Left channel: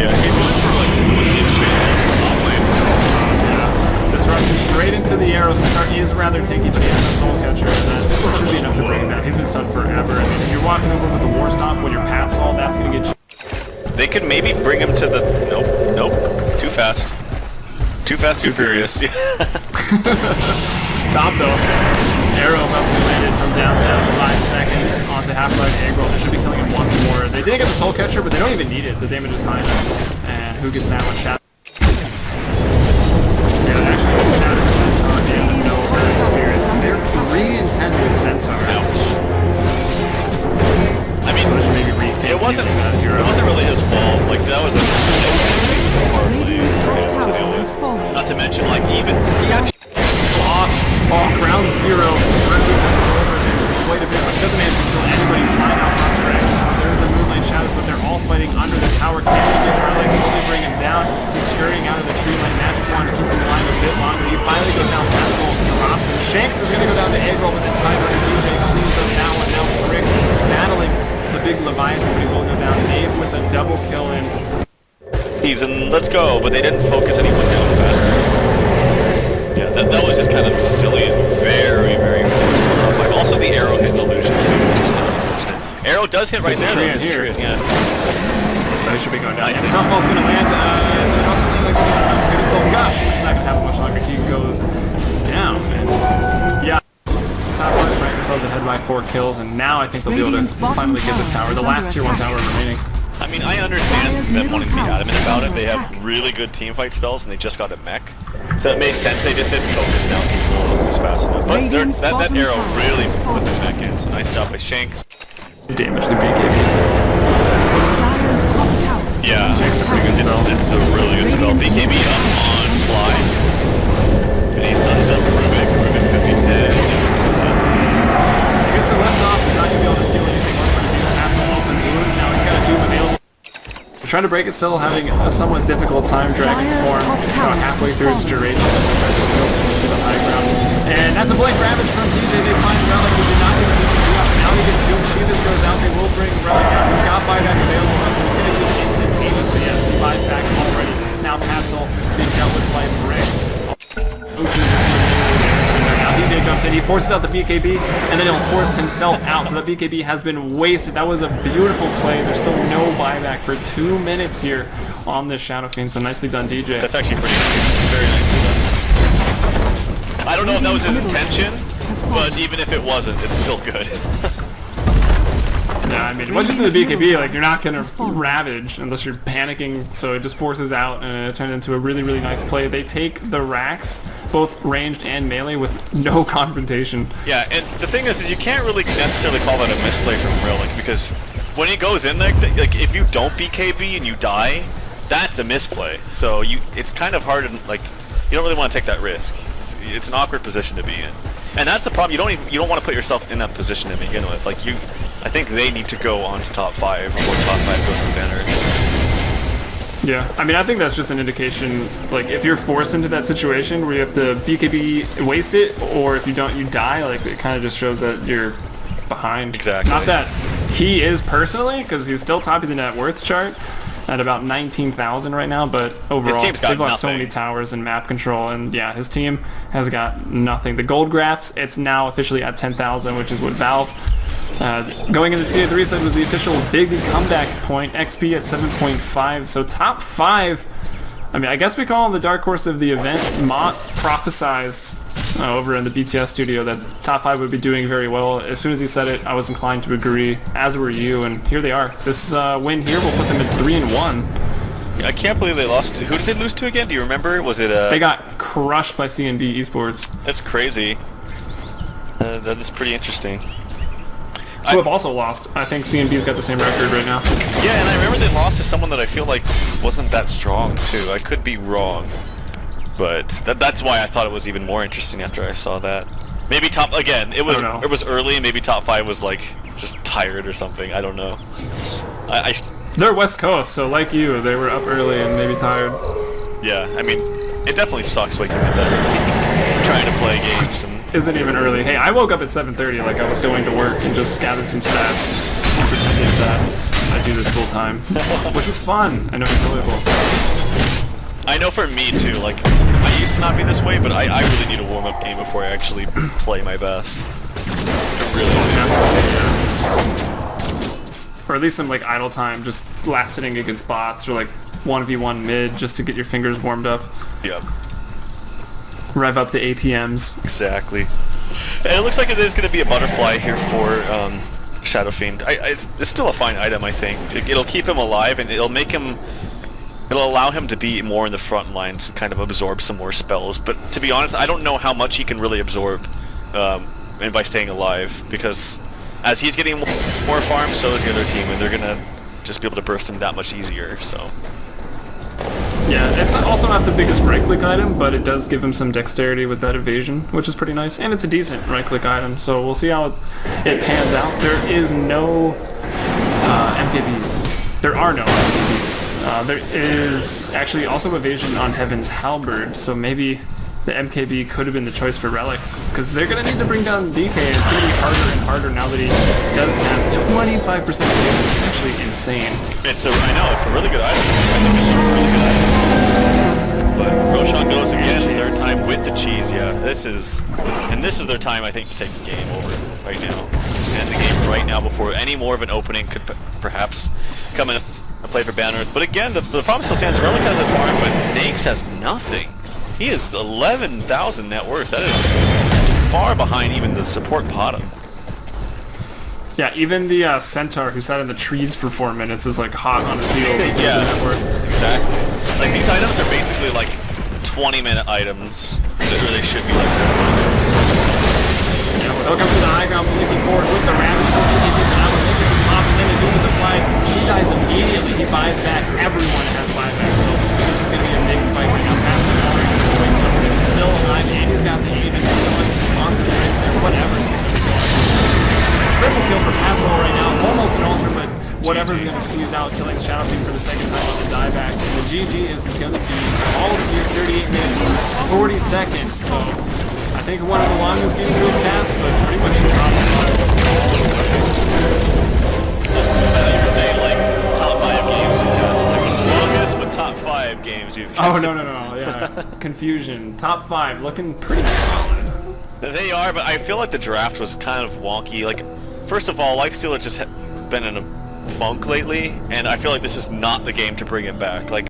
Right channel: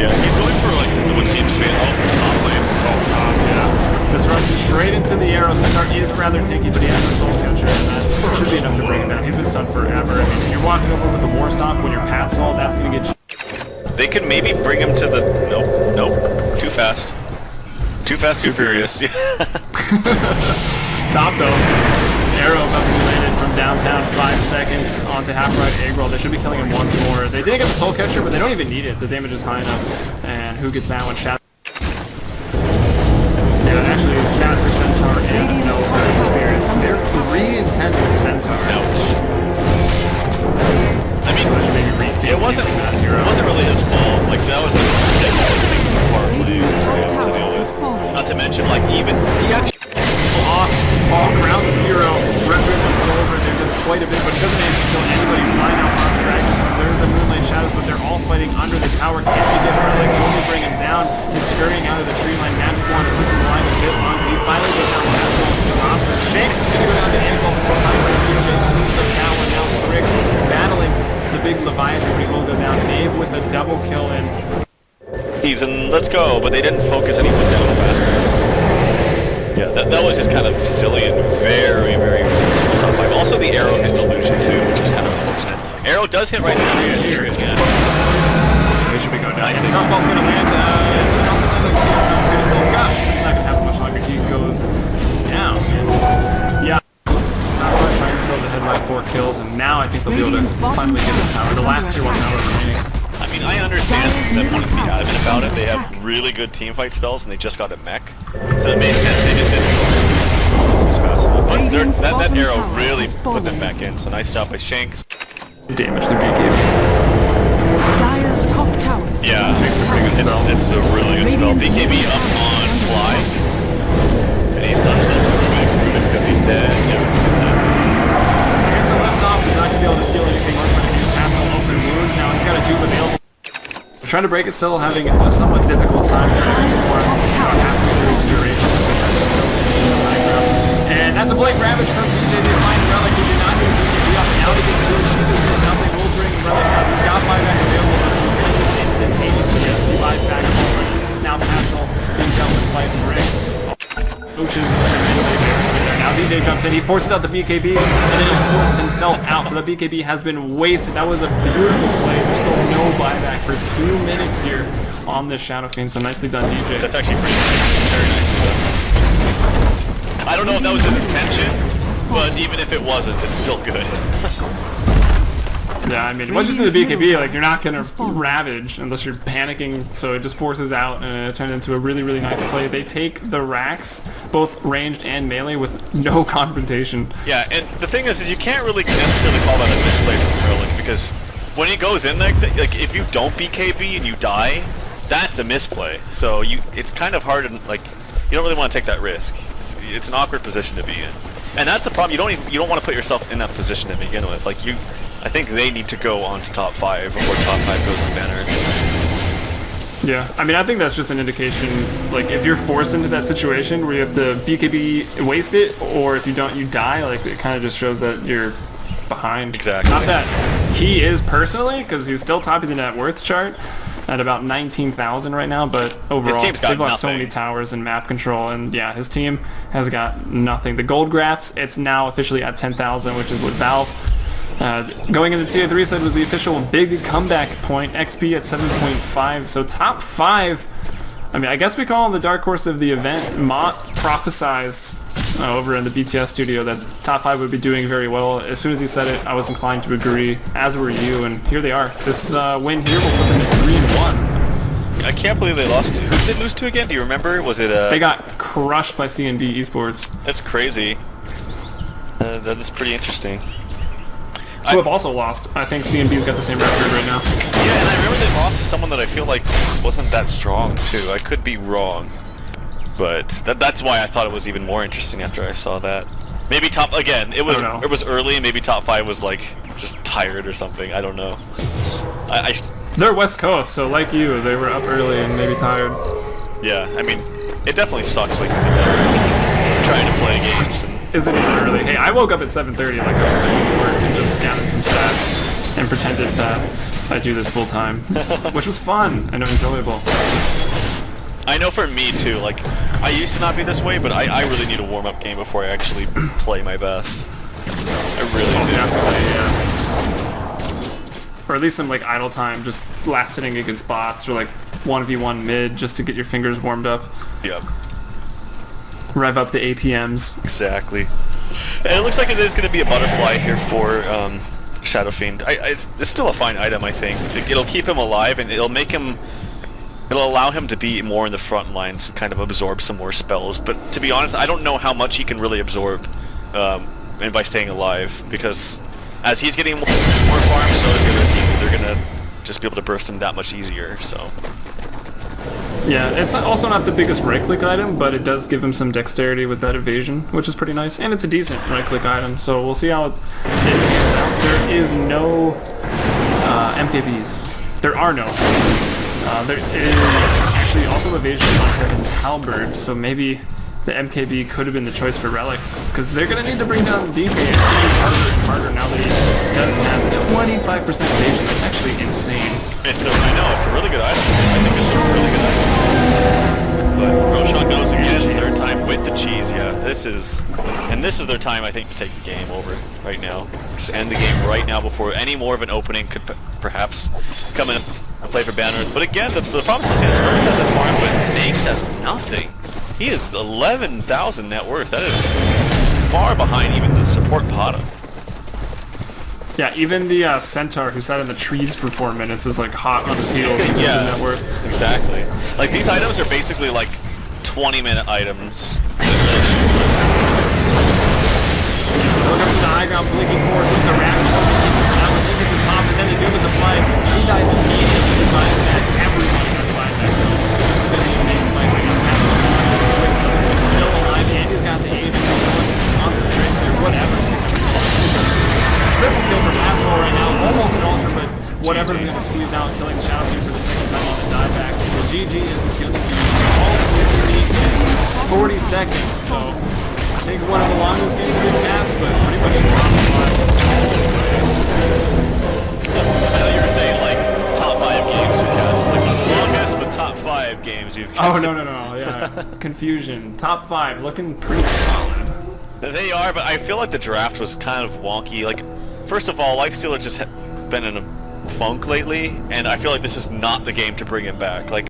Yeah, he's going for like what seems to be top lane. Oh, top, yeah. Disruption straight into the arrow. Centaur is rather tanky, but he has the soul catcher, and that should be enough to bring it down. He's been stunned forever. I mean, if you're walking over with the war stomp when you're Pat Sol, that's gonna get you. They could maybe bring him to the nope. Too fast. Too fast, too furious. Top though. Arrow about to be landed from downtown, 5 seconds onto half right egg roll. They should be killing him once more. They didn't get the soul catcher, but they don't even need it. The damage is high enough. And who gets that one? Shadow. Yeah, actually, stat for Centaur and no Earthspirit. They're 3 and 10 with Centaur. Ouch. I mean, so they should maybe rethink using that hero. It wasn't really his fault. Like, that was a ridiculously hard lane for him to deal with. Not to mention, like, even he actually off. Oh, ground zero. Requiem and Solver there does quite a bit, but it doesn't manage to kill anybody. Flying out pops Dragon Form. There's a Moonlight Shadows, but they're all fighting under the tower. Can they get Relic? Will they bring him down? He's scurrying out of the tree line. Magic Wand to keep him alive a bit longer. He finally goes down. Patzol drops him. Shanks is going to go down to Egglove, and then Tide Hunter DJ cleans up that one. Now Bricks battling the big Leviathan, but he will go down. Knave with a double kill in. He's in, let's go, but they didn't focus anyone down fast enough. Yeah, that was just kind of silly and very, very forced from the top 5. Also, the arrow hit an illusion too, which is kind of unfortunate. Arrow does hit right now. Here. Yeah. So he should be going down. Yeah, Starfall's going to land. Did it also land like I don't know. Maybe still Gush, but it's not going to happen much longer. He goes down, and yeah. Top 5 find themselves ahead by 4 kills, and now I think they'll be able to finally get this tower. The last tier 1 tower remaining. I mean, I understand them wanting to be adamant about it. They have really good teamfight spells, and they just got a mech. So it made sense, they just didn't focus down people as fast enough. But that arrow really put them back in, so nice job by Shanks. Damage the BKB. Dire's top tower. Yeah, makes a pretty good spell. It's a really good spell. BKB up on Fly, and he stuns up Rubik. Rubik could be dead. He's dead. He gets a lift off, he's not going to be able to steal anything or put abuse Patzol open wounds. Now he's got a Doom available. Trying to break it, still having a somewhat difficult time. Dragon Form about halfway through its duration as they try to kill in the high ground. And that's a Blink Ravage from DJ. They find Relic, who did not get the BKB off, and now he gets Doom. Shivas goes out, they will bring Relic out. He's got buyback available though, so he's going to use it instantaneously. Yes, he buys back already. Now Patzol being dealt with by Bricks. Coaches the melee barracks right there. Now DJ jumps in, he forces out the BKB, and then he'll force himself out. So that BKB has been wasted. That was a beautiful play. There's still no buyback for 2 minutes here on this Shadow Fiend. So nicely done, DJ. That's actually pretty nice. Very nicely done. I don't know if that was his intention, but even if it wasn't, it's still good. Yeah, I mean, once you do the BKB, like, you're not going to ravage unless you're panicking, so it just forces out, and it turned into a really, really nice play. They take the racks, both ranged and melee, with no confrontation. Yeah, and the thing is you can't really necessarily call that a misplay from Relic, because when he goes in there, like, if you don't BKB and you die, that's a misplay. So it's kind of hard, and like, you don't really want to take that risk. It's an awkward position to be in. And that's the problem, you don't want to put yourself in that position to begin with. Like, I think they need to go on to top 5 before top 5 goes on banner. Yeah, I mean, I think that's just an indication, like, if you're forced into that situation where you have to BKB waste it, or if you don't, you die, like, it kind of just shows that you're behind. Exactly. Not that he is personally, because he's still topping the net worth chart at about 19,000 right now, but overall, they've lost so many towers and map control, and yeah, his team has got nothing. The gold graphs, it's now officially at 10,000, which is what Valve going into Tier 3 said was the official big comeback point. XP at 7.5, so top 5. I mean, I guess we call him the dark horse of the event. Mott prophesized over in the BTS studio that top 5 would be doing very well. As soon as he said it, I was inclined to agree, as were you, and here they are. This win here will put them at 3-1. I can't believe they lost. Who did they lose to again? Do you remember? Was it They got crushed by CNB Esports. That's crazy. That is pretty interesting. Who have also lost. I think CNB's got the same record right now. Yeah, and I remember they lost to someone that I feel like wasn't that strong too. I could be wrong, but that's why I thought it was even more interesting after I saw that. Maybe top again. It was early. Maybe top 5 was like just tired or something. I don't know. They're West Coast, so like you, they were up early and maybe tired. Yeah, I mean, it definitely sucks waking up that early, trying to play games. And isn't even early. Hey, I woke up at 7:30 like I was going to work and just gathered some stats. and pretended that I do this full time, which was fun and enjoyable. I know for me too, like, I used to not be this way, but I really need a warm-up game before I actually play my best. I really do. Definitely, or at least some like idle time, just last hitting against bots, or like 1v1 mid, just to get your fingers warmed up. Yep. Rev up the APMs. Exactly. And it looks like it is going to be a butterfly here for Shadow Fiend. It's still a fine item, I think. It'll keep him alive, and it'll allow him to be more in the front lines and kind of absorb some more spells. But to be honest, I don't know how much he can really absorb and by staying alive, because as he's getting more farm, so is the other team, and they're going to just be able to burst him that much easier, so... Yeah, it's also not the biggest right-click item, but it does give him some dexterity with that evasion, which is pretty nice, and it's a decent right-click item, so we'll see how it pans out. There is no MKBs. There are no MKBs. There is actually also evasion on Heaven's Halberd, so maybe the MKB could have been the choice for Relic, because they're going to need to bring down DK, and it's going to be harder and harder now that he does have 25% evasion. That's actually insane. I know, it's a really good item. I think it's a really good item. But Roshan goes again, third time with the cheese, yeah. This is their time, I think, to take the game over right now. Just end the game right now before any more of an opening could perhaps come in and play for banners. But again, the problem still stands. Relic has a farm, but Nakes has nothing. He is 11,000 net worth. That is far behind even the support bottom. Yeah, even the Centaur who sat in the trees for 4 minutes is like hot on his heels in terms of net worth. Exactly. Like, these items are basically like 20-minute items. They should be like that. Yeah, well, he'll come to the high ground, blinking forward with the Ravage. No PKP for that one. Link gets his pop, and then the Doom is applied. He dies immediately. He buys back. Everyone has buyback, so this is going to be a big fight right now. Pascal already with a quick double kill, still alive, and he's got the Aegis. He's going on some tricks there. Whatever is picking up the kill on triple kill for Pascal right now. Almost an ultra, but whatever's going to squeeze out, killing the Shadow Fiend for the second time on the dieback. And the GG is going to be all to 38 minutes, 40 seconds, so... I think one of the longest games we've cast, but pretty much top 5 all the way. I thought you were saying like top 5 games we've cast. Like one of the longest, but top 5 games we've cast. Oh, no, yeah. Confusion. Top 5, looking pretty solid. They are, but I feel like the draft was kind of wonky. Like, first of all, Lifestealer just been in a funk lately, and I feel like this is not the game to bring him back. Like,